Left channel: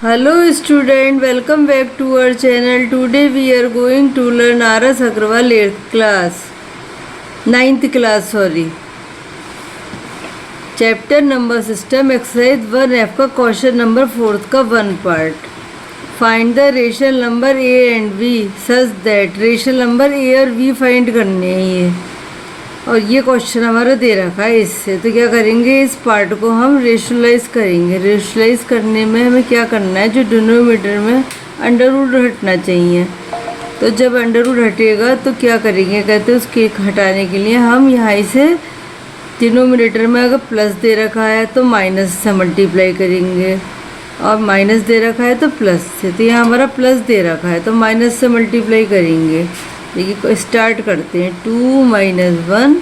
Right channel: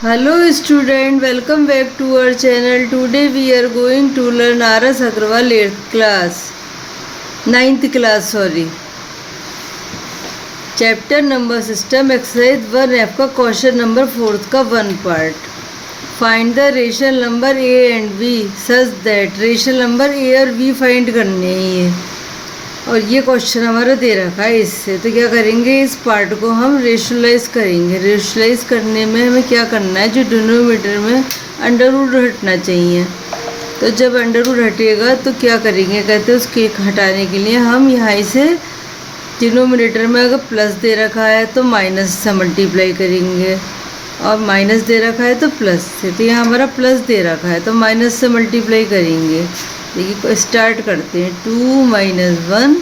Hello student, welcome back to our channel. Today we are going to learn RS Agrawal 8th class, 9th class sorry. Chapter number system exercise 1F का question number 4th का 1 part. Find the rational number A and B such that rational number A और B find करने हैं ये. और ये question हमारा दे रखा है इससे, तो क्या करेंगे, इस पार्ट को हम रेशनलाइज करेंगे. रेशनलाइज करने में हमें क्या करना है, जो डिनोमिनेटर में अंडर रूट हटना चाहिए. तो जब अंडर रूट हटेगा तो क्या करेंगे, कहते हैं उसके हटाने के लिए हम यहाँ से डिनोमिनेटर में अगर प्लस दे रखा है तो माइनस से मल्टीप्लाई करेंगे, और माइनस दे रखा है तो प्लस से. तो यहाँ हमारा प्लस दे रखा है तो माइनस से मल्टीप्लाई करेंगे. देखिए स्टार्ट करते हैं. 2 - 1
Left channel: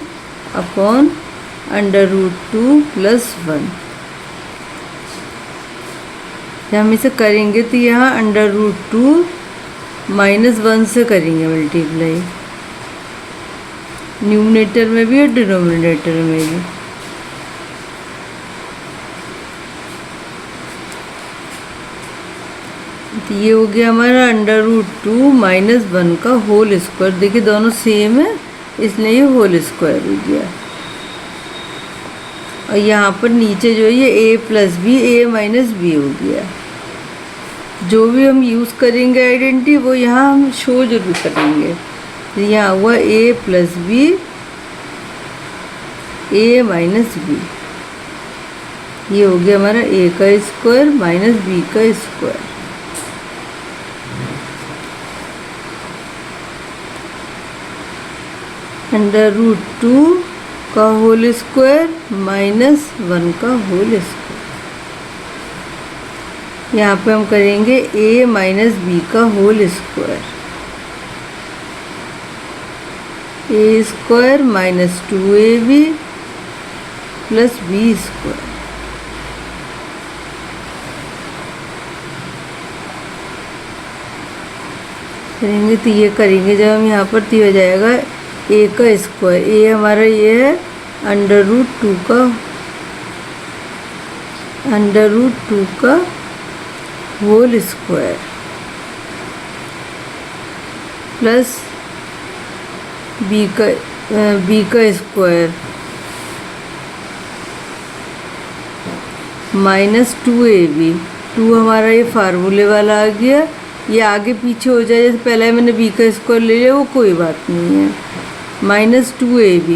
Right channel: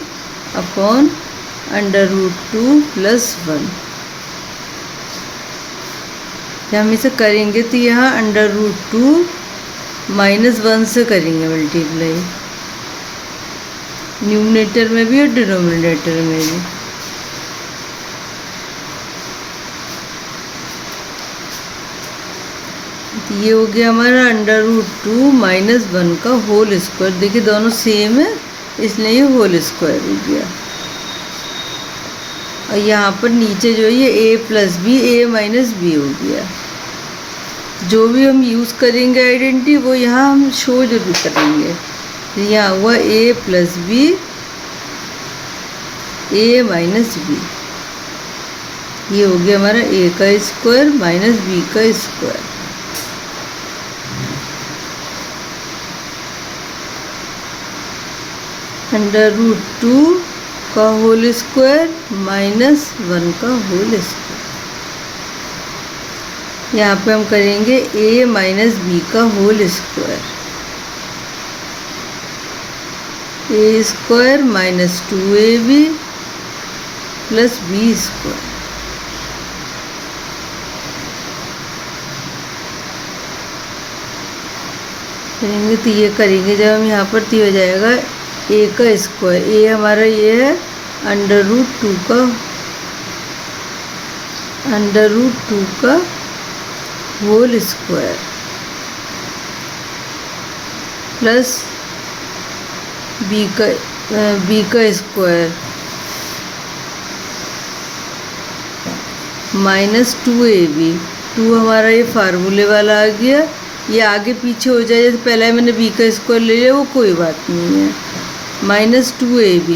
अपॉन अंडर रूट 2 + 1. जब हम इसे करेंगे तो यहाँ अंडर रूट 2 - 1 से करेंगे मल्टीप्लाई, न्यूमरेटर में भी और डिनोमिनेटर में भी. तो ये हो गया हमारा अंडर रूट 2 - 1 का होल स्क्वायर. देखिए दोनों सेम है इसलिए ये होल स्क्वायर हो गया. और यहाँ पर नीचे जो ये a + b a - b हो गया. जो भी हम यूज़ करेंगे आइडेंटिटी वो यहाँ हम शो जरूर करेंगे. यहाँ हुआ a + b a - b. ये हो गया हमारा a का स्क्वायर माइनस b का स्क्वायर. अंडर रूट 2 का होल स्क्वायर -1 का होल स्क्वायर. यहाँ पे हम करेंगे a - b का whole square. a square -2ab + b square. करेंगे तो ये करेंगे जब हम यहाँ पर तो हो जाएगा a का स्क्वायर. a हमारा ये है अंडर रूट 2 का होल स्क्वायर प्लस b का स्क्वायर -2ab. 2 हमारा ये फार्मूले वाला आ गया. ये आगे पीछे हो जाए, जैसे पहले मैंने b का स्क्वायर ले लिया वो कोई बात नहीं है. -2ab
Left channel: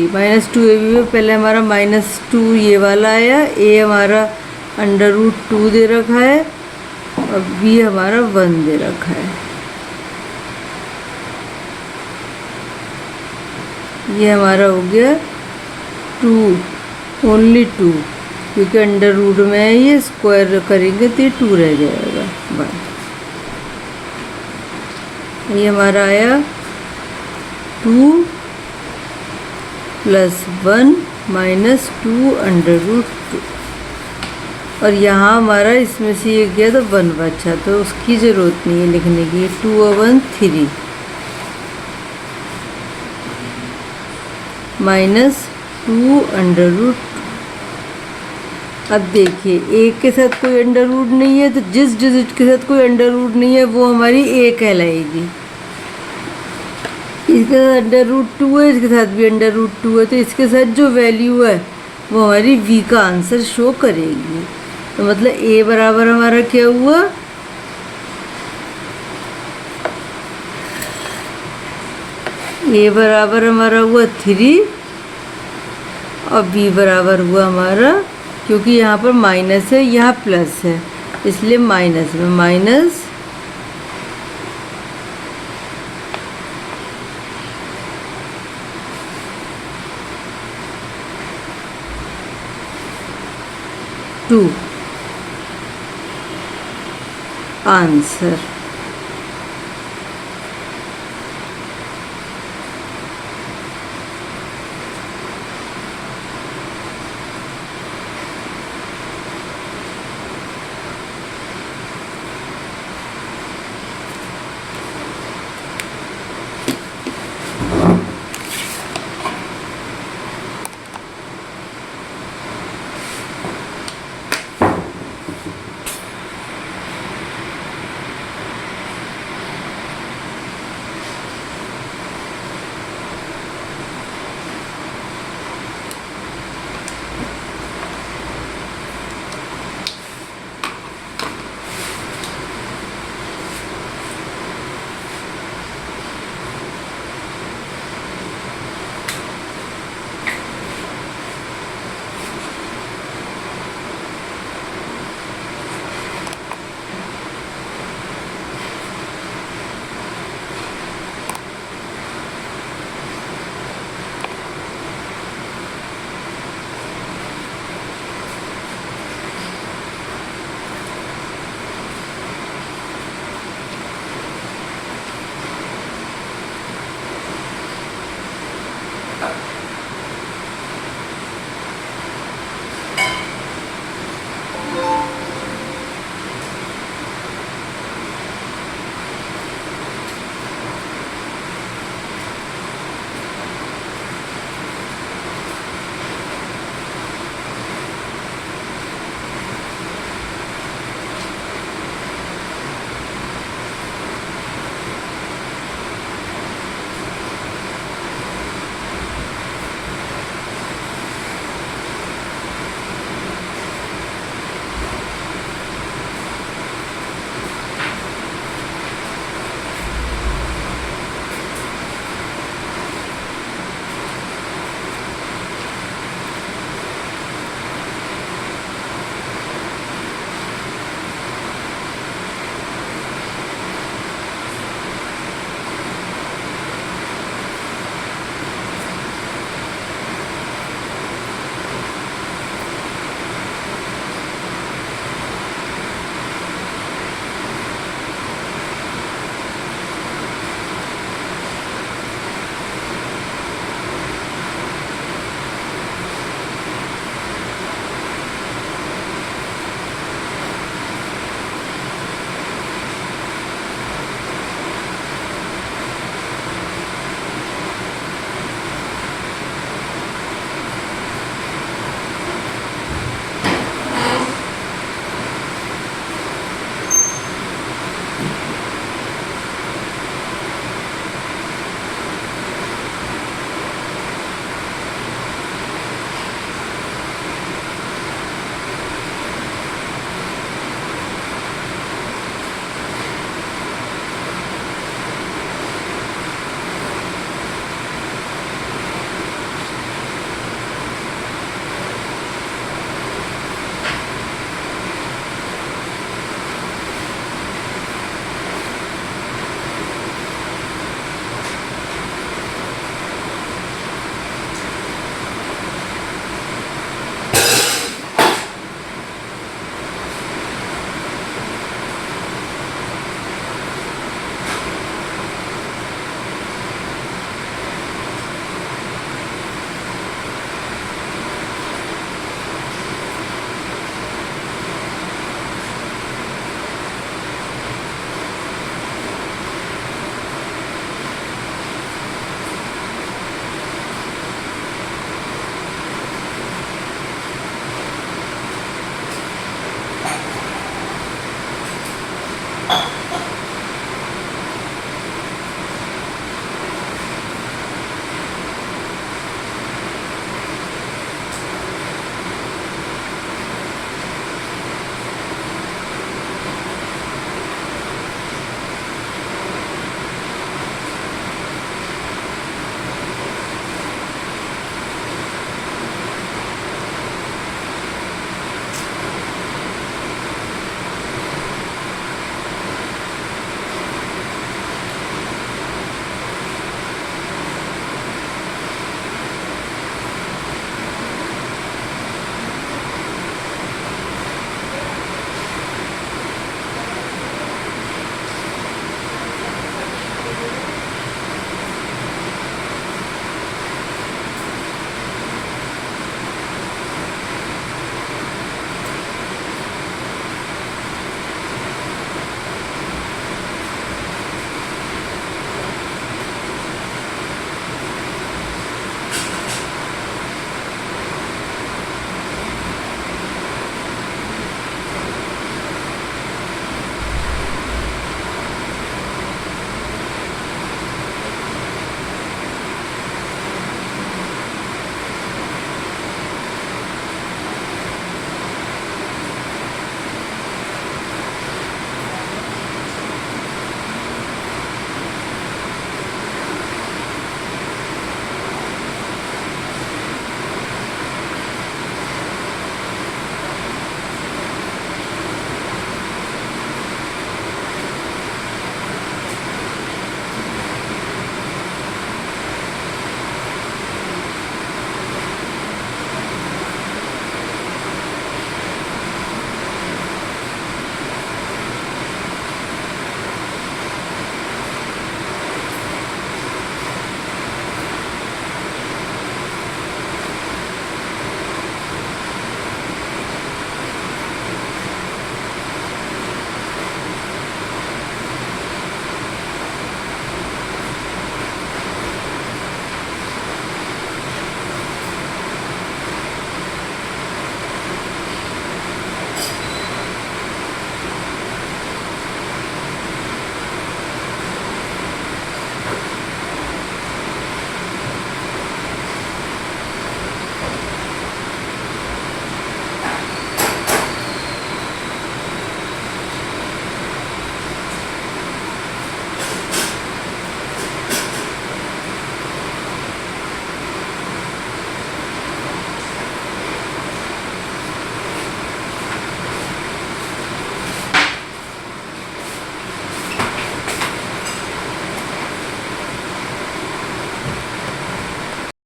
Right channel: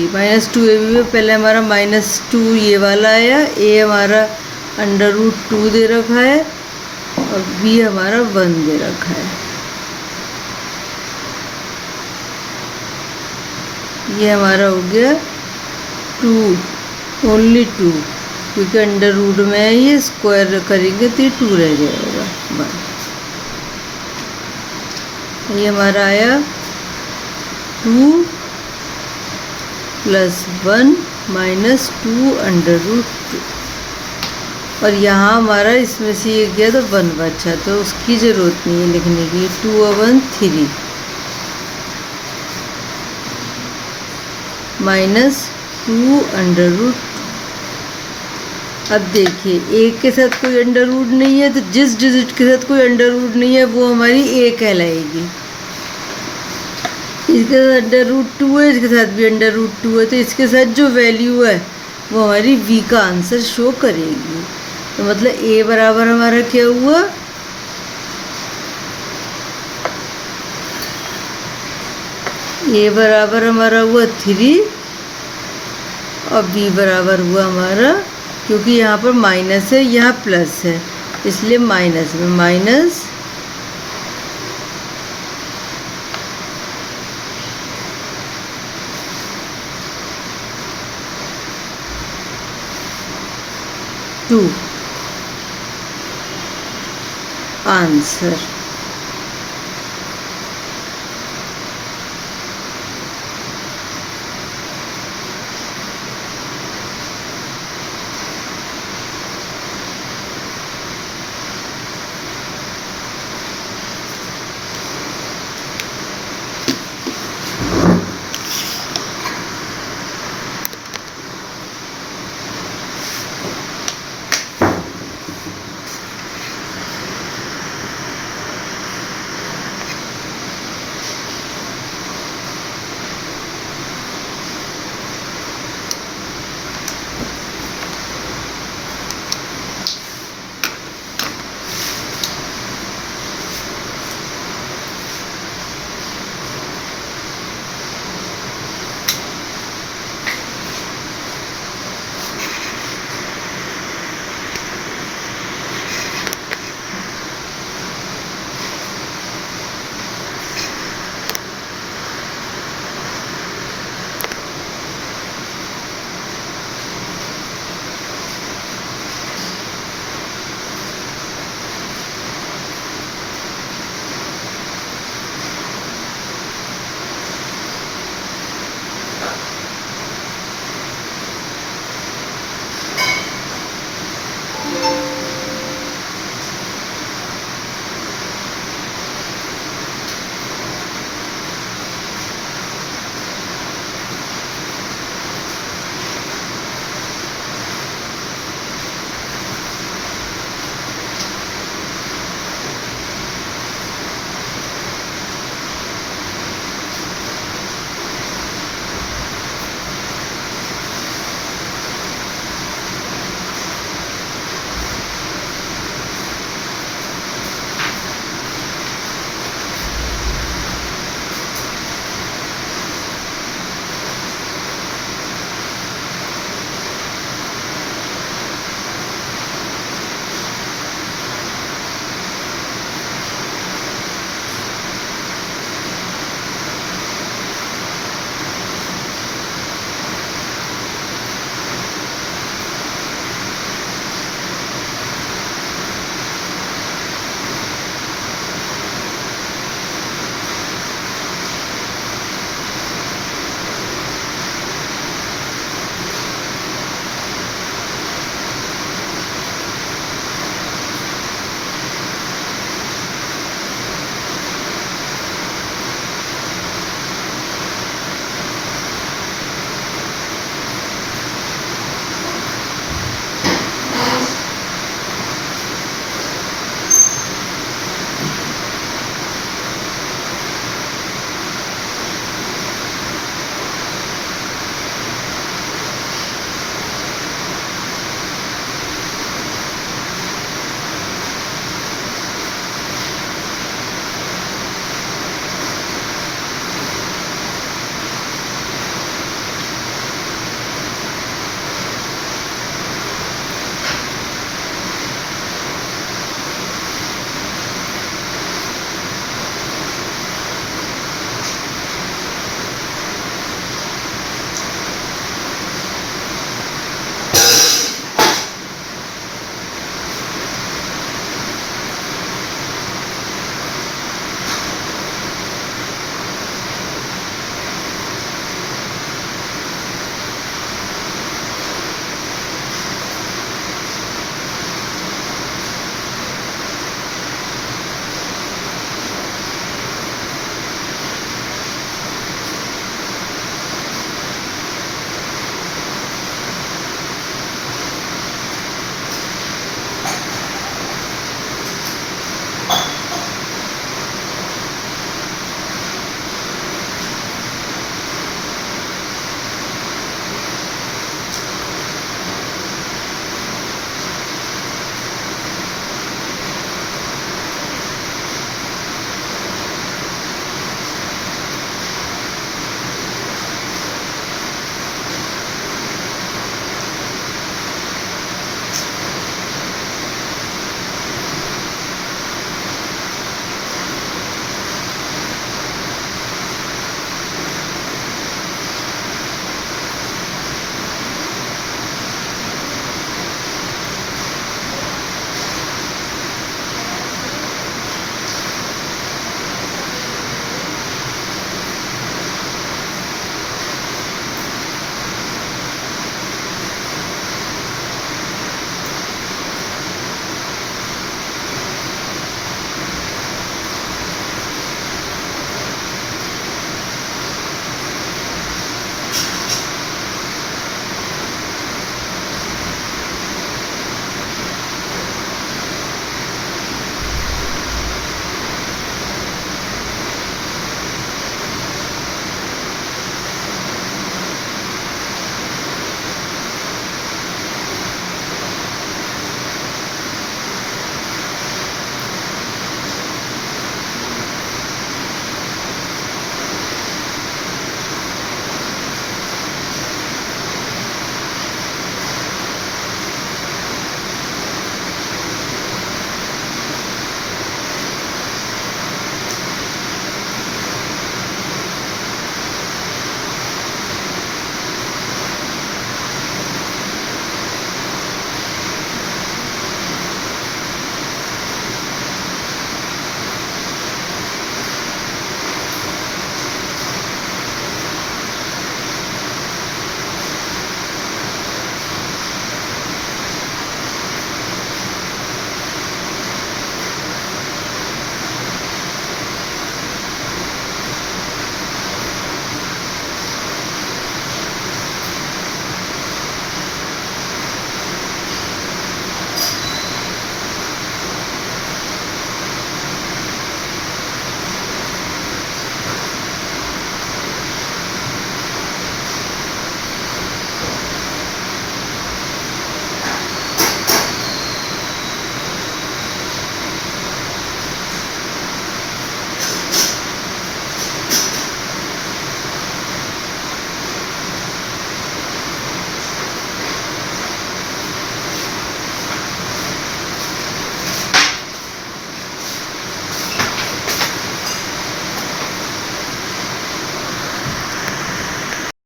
में पहले हमारा -2 ये वाला आया. a हमारा अंडर रूट 2 दे रखा है और b हमारा 1 दे रखा है. ये हमारा हो गया 2, ओनली 2, क्योंकि अंडर रूट में है. ये स्क्वायर करेंगे तो ये 2 रह जाएगा 1. ये हमारा आया 2 + 1 - 2 अंडर रूट 2. और यहाँ हमारा इसमें से ये गया तो 1 बचा, तो उसकी ज़रूरत नहीं है लिखने की. 2 और 1 3 -2 अंडर रूट 2. अब देखिए एक के साथ कोई अंडर रूट नहीं है, तो जिस डिजिट के साथ कोई अंडर रूट नहीं है वो हमारी a कहलाएगी. इसके साथ अंडर रूट 2 है, इसके साथ भी अंडर रूट 2 है, तो इसके साथ जो वैल्यू है वो हमारी v का आंसर शो करेगी. तो मतलब a बराबर हमारा क्या हुआ, a बराबर हमारा हुआ 3 और b बराबर हुआ हमारा, क्योंकि यहाँ पर माइनस है यहाँ प्लस है इसलिए माइनस में माइनस 2 आंसर.